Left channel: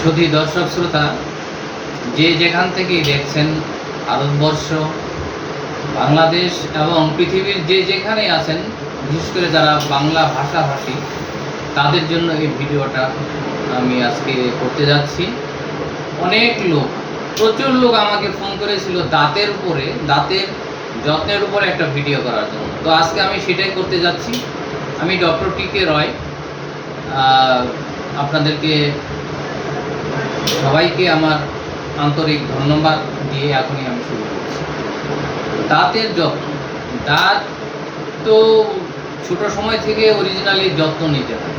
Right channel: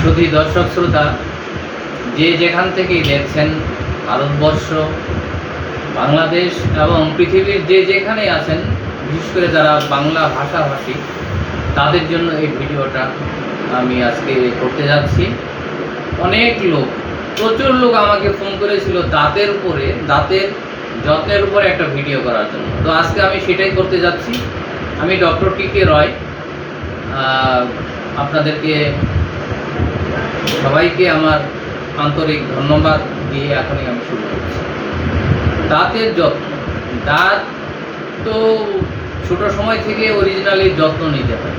সুধী দর্শক শ্রোতা, যে যেখান থেকেই দেখছেন, ভারতবর্ষ, বাংলাদেশ এবং পৃথিবীর যে যেখানেই আছেন, বিশেষ করে যারা বাংলা ভাষাভাষী, তাদের জন্য এই ভিডিওটা আমি আজকে করতে যাচ্ছি। অনেক লোক, প্রচুর লোক আমাকে ফোন করেছিল দাঁতের যত্নের উপরে একটা ভিডিও করার জন্য। তো আজকে আমি সেটাই করতে যাচ্ছি। আমি ডক্টর টি.কে. রয়। আপনাদেরকে সবাইকে আমার আন্তরিক ধন্যবাদ দিয়ে এখনই আমি শুরু করছি। দাঁতের যত্ন, দাঁত তো ছোট সময় থেকে অরিজিনালি যত্ন নিতে হয়।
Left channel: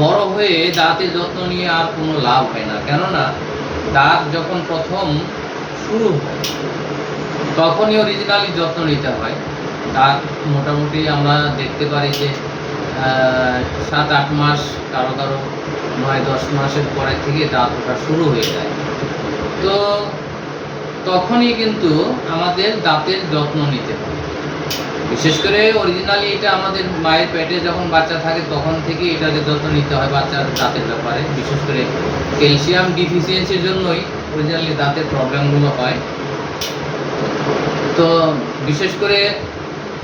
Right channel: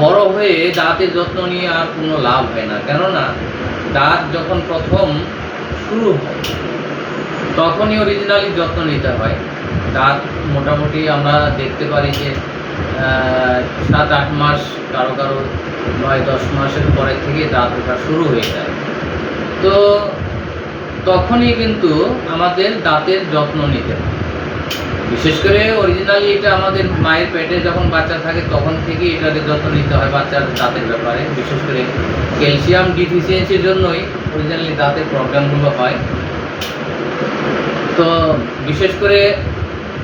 বড় হয়ে দাঁতের যত্ন নিয়ে আর কোনো লাভ হয় না, কেননা দাঁত যখন প্রথম শুরু হয় তখনই অরিজিনালি যত্ন নিতে হয়। দাঁত মোটামুটি আমরা দেখতে পারি যে 7-8 মাস, কারো 9-10 মাসের পরে থেকে দাঁত ওঠা শুরু হয়ে যায়। তো তখনই কিন্তু আমাদের দাঁতের যত্ন নিতে হয়। বিশেষ করে অরিজিনালি এটা আমাদের মায়ের পেটে যখন বাচ্চা থাকে তখন থেকেই এটাকে যত্ন নিতে হয় বাচ্চার দাঁতের ব্যাপারে। বিশেষ করে ক্যালসিয়াম ডিফিসিয়েন্সির জন্যই অরিজিনালি দাঁতের প্রবলেমগুলো হয়। তো বিশেষ করে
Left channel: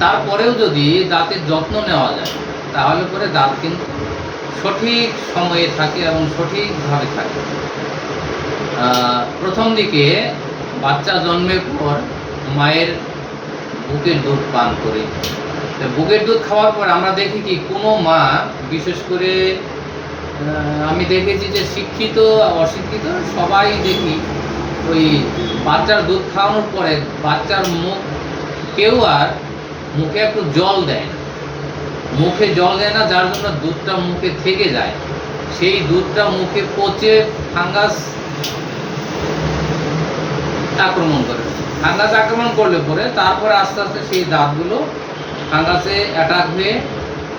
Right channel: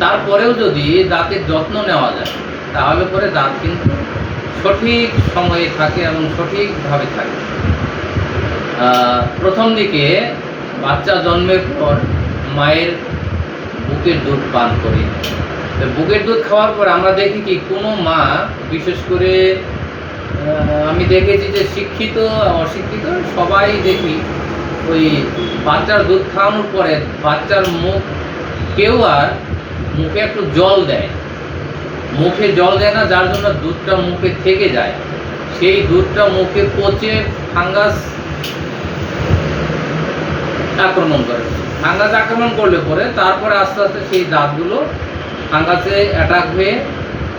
তারপরেও যদি দাঁতের যত্ন নেওয়া যায় তাহলে পরে দাঁত কিন্তু সঠিক সময়ে থাকে এবং সঠিকভাবে থাকে। প্রথম দিকে বাচ্চা জন্মের পর মায়ের বুকের দুধ পান করি। তো বুকের দুধ খাওয়ার পর আমরা দেখি কি কোনো মা, বিশেষ করে আমি দেখেছি যে শিক্ষিত অশিক্ষিত সবাই দেখি ওই বাচ্চার দুধ খাওয়ানোর পরে বাচ্চার কেউ আর মুখে একটু জল দেয়, মুখে জল দেয় না, যার জন্য দুধটা মুখে থেকে যায়। সেই দুধটা মুখে পচে ফাঙ্গাস আক্রমণ করে। ফাঙ্গাস আক্রমণ করলে পরে তারপরে আস্তে আস্তে সেই দাঁতগুলো ফাঙ্গাসে অ্যাটাক হয়ে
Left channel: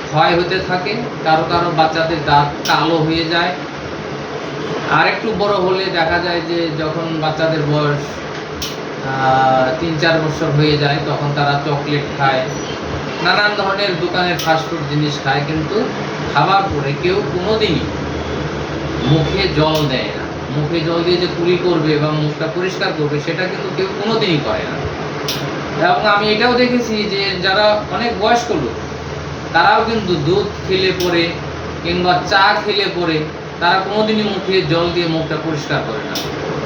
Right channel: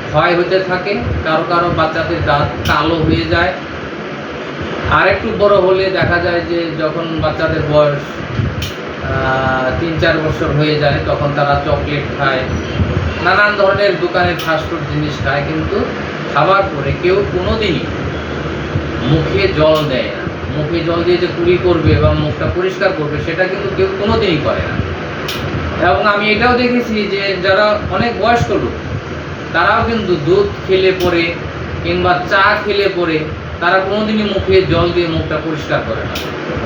ক্ষয় হতে থাকে। কারো কারো বাচ্চাদের দাঁত কালো হয়ে যায়। আর একটু বড় হলে দেখা যায় যে যখন বাচ্চাদের বয়স 3-4 বছর হয়ে যায় তখন তারা চকলেট খায়, নানান ধরনের দোকানের ফাস্টফুড জিনিস খায়, কিন্তু খাবার পরে কেউ কোনোদিনই মুখে জল দেয় না। মুখে জল দিয়ে যে কুলি করবে বা মুখটা পরিষ্কার করবে সেটা কিন্তু কেউ কোনোদিনই করে না। এবং আমি এটাও দেখেছি যে যারা অনেক বয়স্ক লোক তারাও কিন্তু দুধ খেলে পরে কিংবা চা খেলে পরে তারা কোনোদিনই মুখে জল দিয়ে মুখটা পরিষ্কার করে না।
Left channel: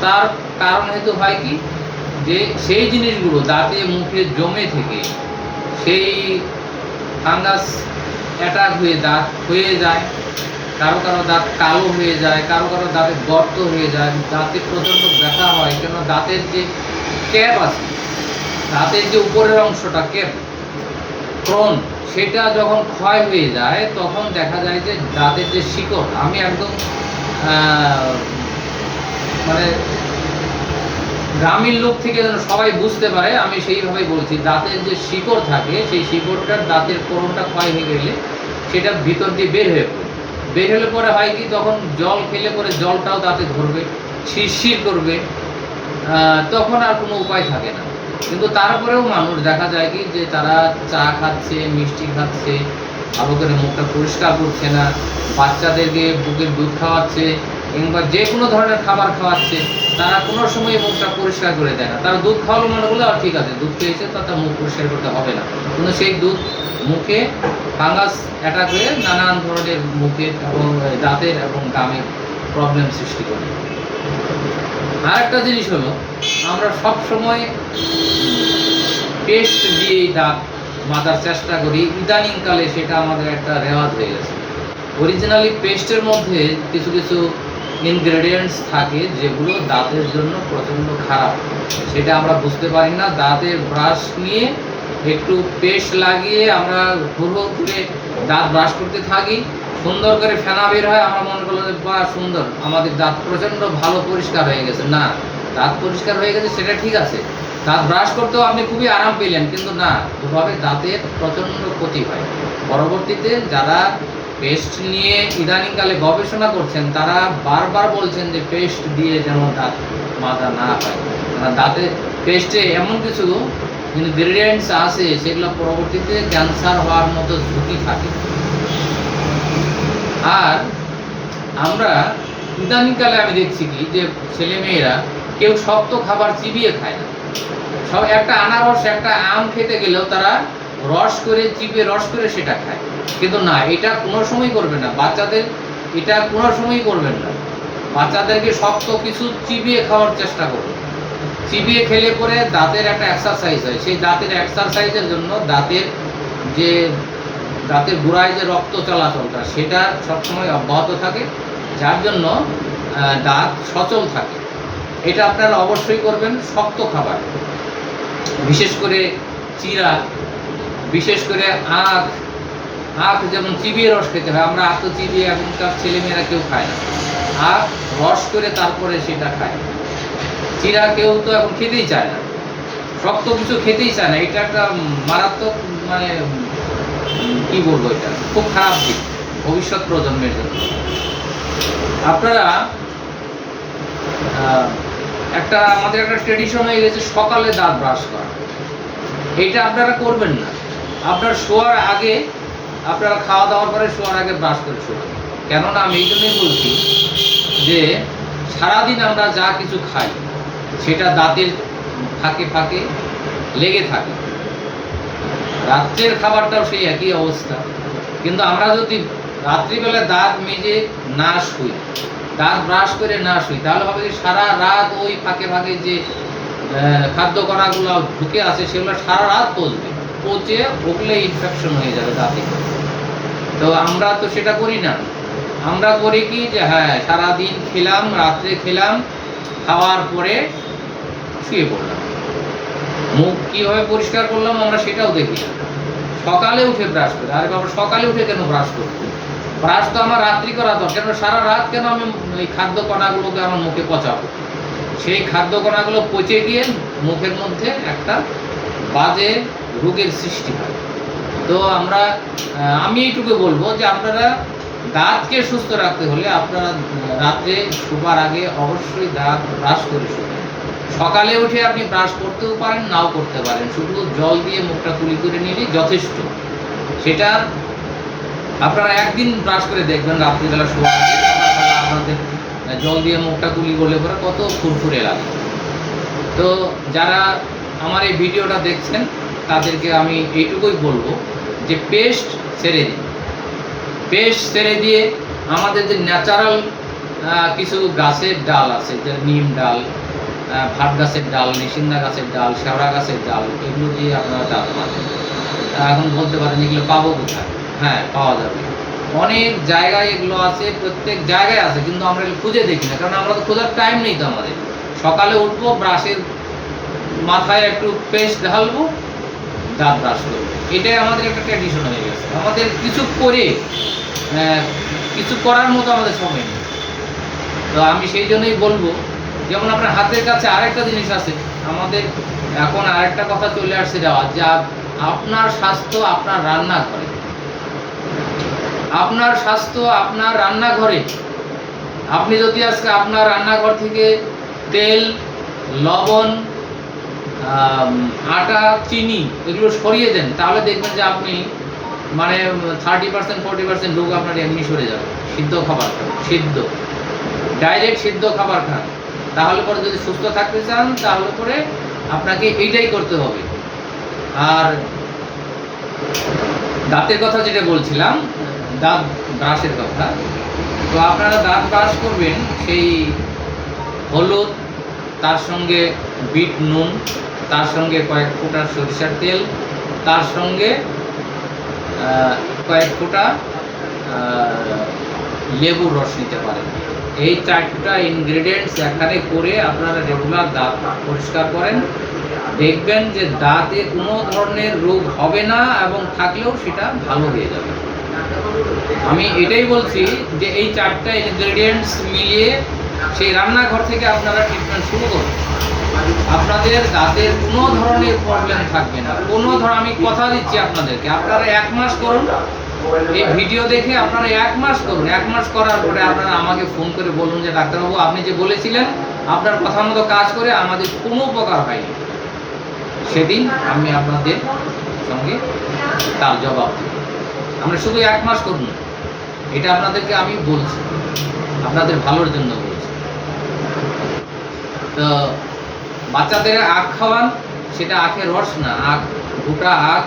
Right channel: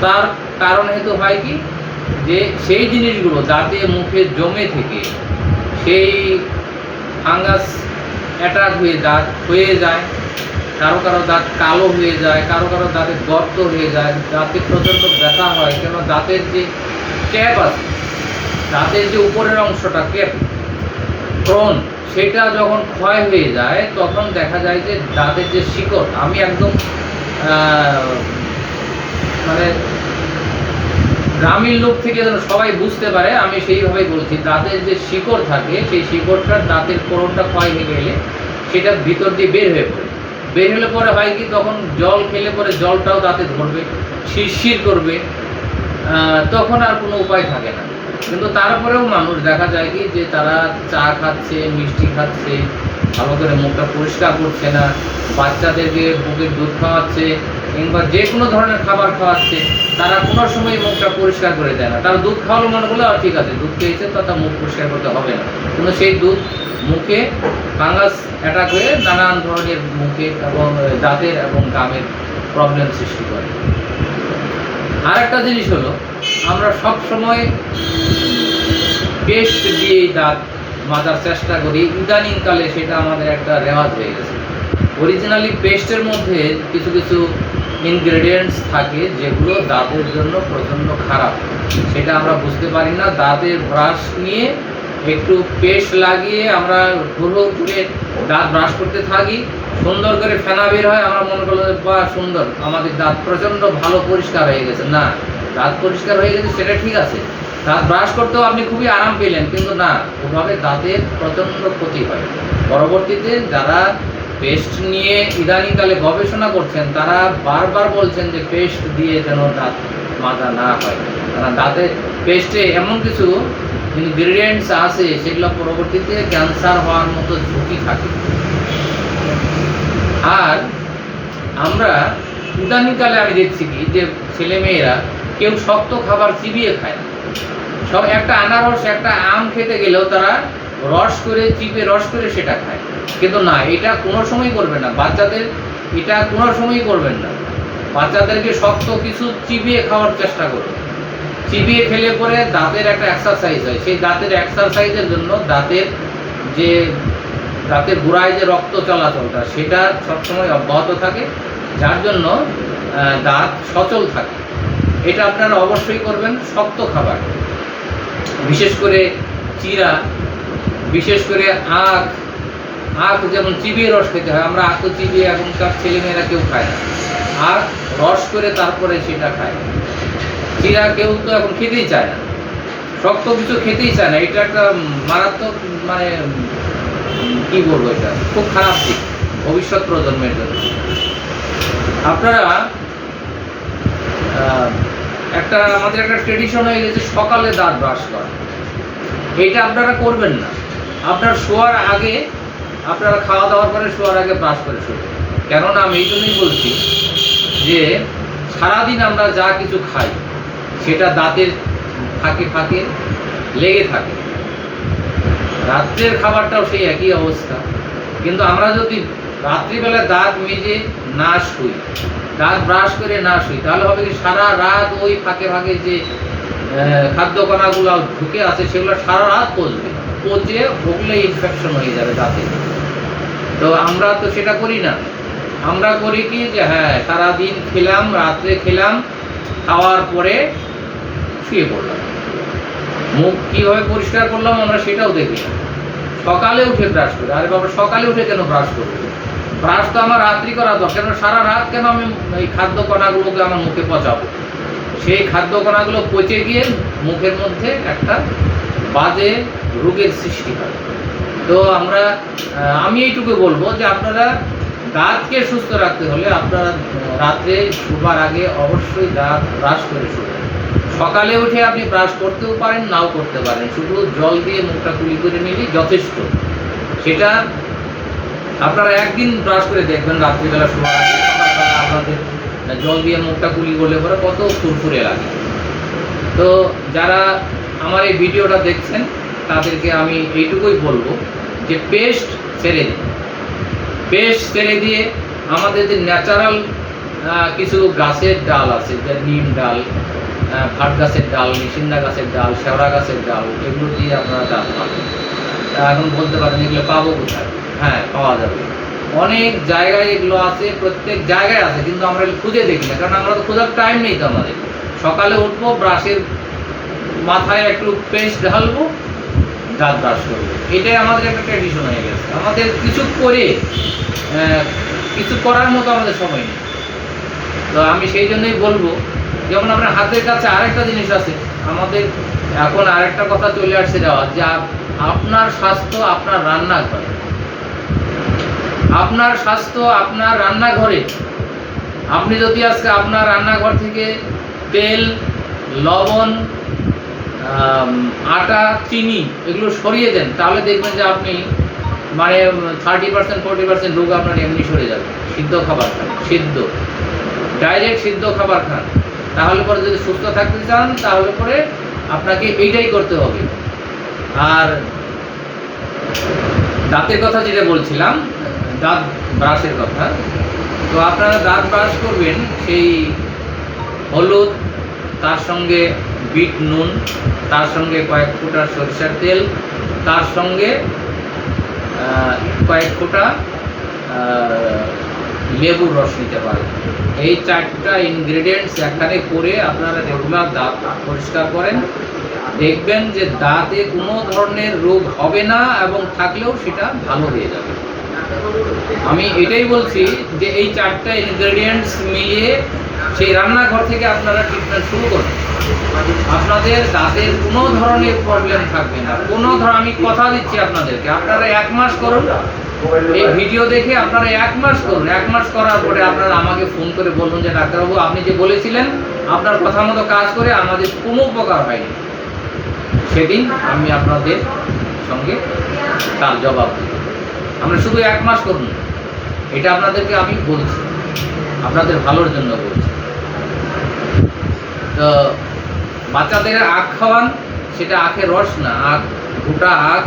তার কারণ হেতু হয় কি, যে সেই জিনিসগুলো দাঁতে মুখে জমে থেকে সেই ফাঙ্গাস অ্যাটাক হয়ে দাঁত হয়ে যায়। কারো কারো দাঁত কালো হয়ে যায়, কারো কারো দাঁতে গর্ত হয়ে যায়, দাঁতে প্রচণ্ড ব্যথা হয়। কেন, দাঁতের যে ক্যাপ আছে, দাঁতের যে উপরের অংশটা ক্যাপ ক্রন, সেটা যখন ক্ষয় হয়ে যায় তখন দেখা যায় যে দাঁতের যে শিকড়, আমি একদম মানে গ্রামীণ লোক থেকে যেন সবাই বুঝতে পারে আমি সেইভাবেই বলছি। দাঁতের যে শিকড় থাকে সেই শিকড়টার দাঁতের কোরণটা ক্ষয় হয়ে গেলে সেটা ভিতর দিয়ে বের হলে পরে হয় কি, তখন জল খেলে পরে জলটাও দাঁতে ধরবে, শিরশির করবে, তখন আর কোনো উপায় থাকে না। কিন্তু তারপরেও মানুষ দেখা যায় কি যে তারা চা খাচ্ছে, মিষ্টি খাচ্ছে, ভালো করে মুখটা পরিষ্কার করছে না, বাচ্চাদেরকে বুকের দুধ খাওয়াচ্ছে কিংবা যে কোনো ধরনের খাবার খাওয়াচ্ছে, তারা কোনো সময় মুখটা পরিষ্কার করে দেয় না। তারা দুধ খাওয়ালো মনে করলে ঠিক আছে, দুধ খেয়েছে তো তার মুখ পরিষ্কার করতে হবে না, কিন্তু সেই দুধ মুখে ফাঙ্গাস অ্যাটাক হয়ে নানান ধরনের মুখের এবং দাঁতের এবং গামের প্রবলেম সৃষ্টি করে। আর একটা জিনিস হলো, আমরা সব সময় পেস্ট দিয়েই দাঁত মাজার চেষ্টা করি। ইদানিংকালে সেটা আমাদের একটা রেওয়াজ হয়ে গেছে। অরিজিনালি পেস্টের মধ্যে কিছু কিছু ইনগ্রেডিয়েন্টস থাকে যেগুলো দাঁতের জন্য প্রচণ্ড খারাপ, সেটা আমরা বুঝতে পারি না। দাঁতে ব্রাশ নিয়ে একটু পেস্ট লাগিয়ে আমরা ঘুরো ঘুরে দাঁত ব্রাশ করতে থাকি, সুন্দর করে ফেনা বের হয়, আমরা মনে করলো বা সুন্দর, আমাদের দাঁত প্রচণ্ড ভালো পরিষ্কার হয়ে গেছে। না, দাঁত পরিষ্কার হয়ে গেছে সেটা ঠিক আছে, দাঁত ব্রাশ করতেও আপনি খুবই আরাম পেলেন, কিন্তু না, ওভাবে দাঁতের প্রচণ্ড ক্ষতি হয়। পরবর্তীতে যারা পেস্ট নিয়ে ইদানিংকালে গবেষণা করছেন তারা বারবার বলছেন যে পেস্ট দিয়ে যেন দাঁত মাজা না হয়, কারণ দাঁতে পেস্টে এমন কিছু ইনগ্রেডিয়েন্টস আছে সেগুলো পরবর্তীতে ক্যান্সার হওয়ার মতো ঝুঁকি থাকে। আর আমরা ইদানিংকালে আমি দেখছি কি যে ছেলেমেয়েরা কেউ শক্ত খাবার চিবিয়ে খায় না। সব একটা আনারস একটা আম খেতে গেলেও তারা রস করে চিবিয়ে রস করে সেটা খায়, কিন্তু না, এটা কোনো সময় করবে না বাচ্চাদের, এটা কোনো সময়ই করবেন না। বাচ্চাদেরকে শক্ত কিছু চিবিয়ে খাওয়ার চেষ্টা করুন। চিবিয়ে খেলে পরে দাঁতের একটা এক্সারসাইজ হয়, সেই দাঁতের এক্সারসাইজের জন্য দাঁতের গোড়ায় যে রক্ত চলাচলটা সেটা সবসময় অব্যাহত থাকে, যার জন্য দাঁত সচল থাকে। এটা আপনারা অবশ্যই করবেন। শক্ত খাবার, বিশেষ করে চিরা, বিশেষ করে আখ যেমন চিবিয়ে রস খেতে হয়, আমরা আখ তো চিবিয়ে এখনকার ছেলেমেয়েরা কেউ খায় না, আখ রস করে তারপরে সেটা খায়। চিরা কেউ তো এখন খেতেই চায় না, শক্ত কিছু খেতেই চায় না। এটা একটা মারাত্মক, মানে কি বলবো, এটা খুব খারাপ দিক ভবিষ্যৎ প্রজন্মের জন্য। আপনারা আমাদের একটা ট্রেডিশন হয়ে গেছে সকালে দাঁত ব্রাশ করা, এটা আপনারা করবেন না। আপনার শোয়ার আগে, আপনারা খাওয়া দাওয়ার পরে শোয়ার আগে ব্রাশ করে শোবেন। কেননা আমি এই জন্যই বলছি যে সারাদিন আমরা যা কিছু খাই সেটা দাঁতের ফাঁকে ফাঁকে লেগে থাকে। রাত্রের খাবারটাও সেই একই অবস্থা, কিন্তু আমরা যদি রাত্রিবেলা দাঁত মেজে না শুই, দাঁত ব্রাশ করে না শুই, তাহলে হবে কি সারা রাত ওই ফাঁকে ফাঁকে যে খাদ্য কণাগুলো ঢুকে আছে সেগুলো সারা রাত পচে ওগুলো ইনফেকশন হয়ে যাবে দাঁতে। তো আমরা তো সেটা করি না। আমরা করি কি যে হ্যাঁ, সারাদিন খেলাম, রাত্রে খেলাম, খাওয়ার পরে শুয়ে পড়লাম, মুখ কীভাবে পরিষ্কার করলাম আমরা সেটাও দেখি না। সকালে উঠে ব্রাশ করে, আরে বাবা সকালে উঠে কেন ব্রাশ করবো? ব্রাশ তো আমার রাত্রি করা দরকার, কেন সারা রাত কেন আমি এই খাদ্য কণাগুলোকে আমার মুখে পচাবো? সেই খাদ্য কণাগুলো পচে গিয়ে মুখের মধ্যে একটা বাজে রোগের সৃষ্টি হয়। তো আমি এইটুকু বলবো যে আপনারা দাঁতকে সুস্থ রাখতে হলে আপনারা রাত্রে শোবার আগে অবশ্যই দাঁত ব্রাশ করে শুবেন। সকালে উঠে আপনি ব্রাশ করতেও পারেন, নাও করতে পারেন, শুধু জল দিয়ে মুখটা কুলি করে নিলেই যথেষ্ট। সেটা আপনারা একদিন ব্রাশ করে দেখবেন রাত্রিবেলা শোয়ার আগে, আপনাদের জল দিয়ে মুখটা কুলি করলে পরে কত ফুরফুরে লাগে। তো যারা আমার এই ভিডিওটা দেখছেন তাদেরকে আমি এইটুকুই বলবো যে পেস্ট ছেড়ে দিন। পেস্ট ছেড়ে দিয়ে আমাদের যে ন্যাচারাল কিছু গাছের ডাল আছে, যে নিম ডাল, ভাট গাছের ডাল, নিশিন্দা গাছের ডাল, শেওড়া গাছের ডাল, এগুলো দিয়ে আপনারা দাঁত মাজেন। এখন বলতে পারেন এগুলো পাবো কোথায়? হ্যাঁ, পাওয়া যাবে, অনেক জায়গায় এগুলো আছে, প্রত্যেক জায়গায় আছে, কিন্তু আমরা খুঁজে দেখি না, কারণ আমরা তো খোঁজার টাইম নেই তো আমাদের। সকালে উঠবো, ব্রাশের মাথায় একটু পেস্ট ঢালবো, দাঁত ব্রাশ করবো, এটাই আমাদের একটা ট্র্যাডিশন হয়ে গেছে। আমাদের কিছু করার মতো আমাদের সময় নেই। তো আমি সেই জন্যই বলবো, যেমন আপনার হাতের কাছে আরেকটা জিনিস আছে, আমাদের এখন আরেকটা কথা চলে আসছে যাওয়া, যে আপনার স্বাস্থ্য আপনার রান্নাঘরে, আপনার স্বাস্থ্য আপনার রান্নাঘরে। আপনি যদি আজকে আপনার রান্নাঘর থেকে তেল, লবণ, আটা, চিনি এগুলো সরিয়ে দেন, তাহলে দেখবেন যে আপনি মানে 30% 40% রোগ আপনার এমনি সরে যাবে। সিদ্ধ খাবার খান, ডাইরেক্ট সিদ্ধ খাবার খান, তাহলে পরে যদি সুস্থ থাকতে চান তাহলে পরে আপনাকে এইটাই করতে হবে। আর দাঁতের কথা যেটা বলছিলাম, দাঁত ব্রাশের কথা, তো আপনারা দাঁত ব্রাশ করবেন সেই হলুদ, তার সঙ্গে বিট নুন, তার সঙ্গে কয়েক ফোঁটা সরিষার তেল, তার সঙ্গে কয়েক ফোঁটা লেবুর রস নিতে পারেন। এই 4টা ইনগ্রেডিয়েন্টস এখানে করে আপনারা রেগুলার দাঁত পরিষ্কার করেন, দেখবেন যে দাঁতে কোনো ধরনের রোগ হবে না, এবং থাকলেও সেটা ভালো হয়ে যাবে। আমি এটাই বলছি যে এই 4টা ইনগ্রেডিয়েন্টস মিলিয়ে সেই রান্নাঘর থেকে আপনারা ট্রিটমেন্ট শুরু করুন, আপনাদের দাঁতের কোনো ধরনের প্রবলেম থাকবে না। আমি কথা দিচ্ছি আপনাদেরকে, আপনারা 1 মাস করুন, এই ভিডিও দেখে আপনারা 1 মাস করুন। 1 মাস করার পরে আপনারা আমাকে ফোন করে বলুন যে ডাক্তারবাবু আপনি যে বলেছিলেন আপনার কথা মতো কাজ করে আমাদের কোনো উপকার হয়নি, সেদিন আমি আপনাদের সঙ্গে তার জবাব দেব। আমরা শুধু 1 মাস করুন, এটা আপনাদেরকে আমি বলছি। আপনাদের ভালোর জন্য বলছি। তো বাচ্চাদের আখ খাওয়ান, সেটা আখের রস না, আখ গোটা আখ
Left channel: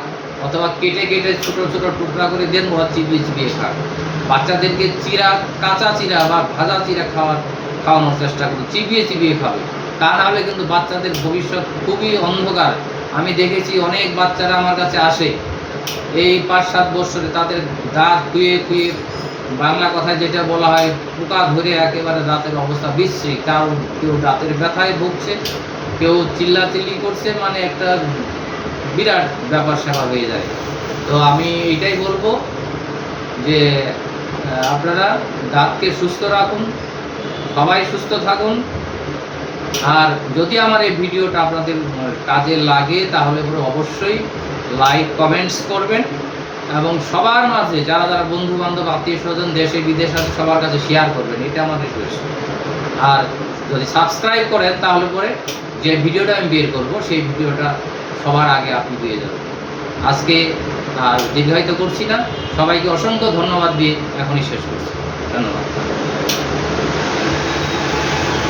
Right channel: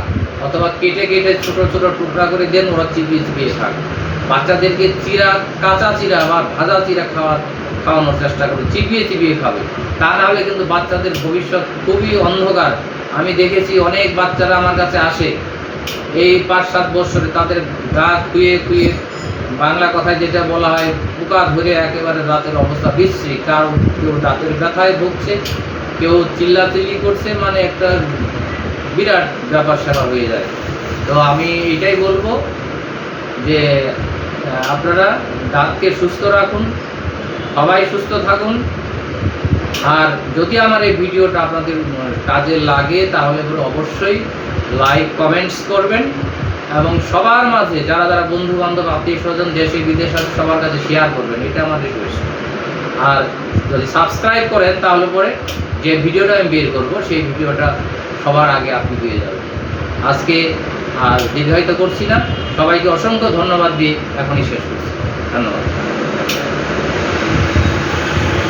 অথবা কেটে কেটে ছোট ছোট টুকরা করে দেন, ওরা চিবিয়ে চিবিয়ে খাক। বাচ্চাদেরকে চিরা, কাঁচা চিরা বা ভাজা চিরা খাওয়ানোর চেষ্টা করুন, চিবিয়ে চিবিয়ে খাবে। তা না হলে কিন্তু বাচ্চাদের ভবিষ্যৎ খুবই অন্ধকার। আমি দেখেছি অনেক বাচ্চারা আমার কাছে আসে এই 5-7 বছরে, তাদের দাঁত খুয়ে খুয়ে, বাংলা কথায় যেটা বলা হয় পোকা ধরে একেবারে দাঁতের অবস্থা বিশ্রী। কেউ দাঁতের ব্যথায় ভুগছে, কেউ চিল্লাচিল্লি করছে, মানে একটা বিরাট ব্যাপার স্যাপার হয়ে যায়। তো আমি এটাই বলবো যে আপনারা দাঁতকে সুস্থ রাখুন, সবাই সুস্থ থাকুন। আর যদি আমার এই ভিডিওটা আপনাদের কাজে লাগে তাহলে পরে অবশ্যই লাইক কমেন্টস করবেন এবং সবার মাঝে যারা যারা বন্ধু বান্ধব আত্মীয় স্বজন দেশে বিদেশে আছে সবার কাছে শেয়ার করবেন, এটা আমার রিকোয়েস্ট। আর যদি সাবস্ক্রাইব করেন তাহলে পরে যে ভিডিওটা আমি বের করব সেই ভিডিওটা সবার আগে আপনি পেয়ে যাবেন। আজকে আর দীর্ঘায়িত করছি না, সবাইকে অসংখ্য ধন্যবাদ দিয়ে এখনই শেষ করছি। ধন্যবাদ।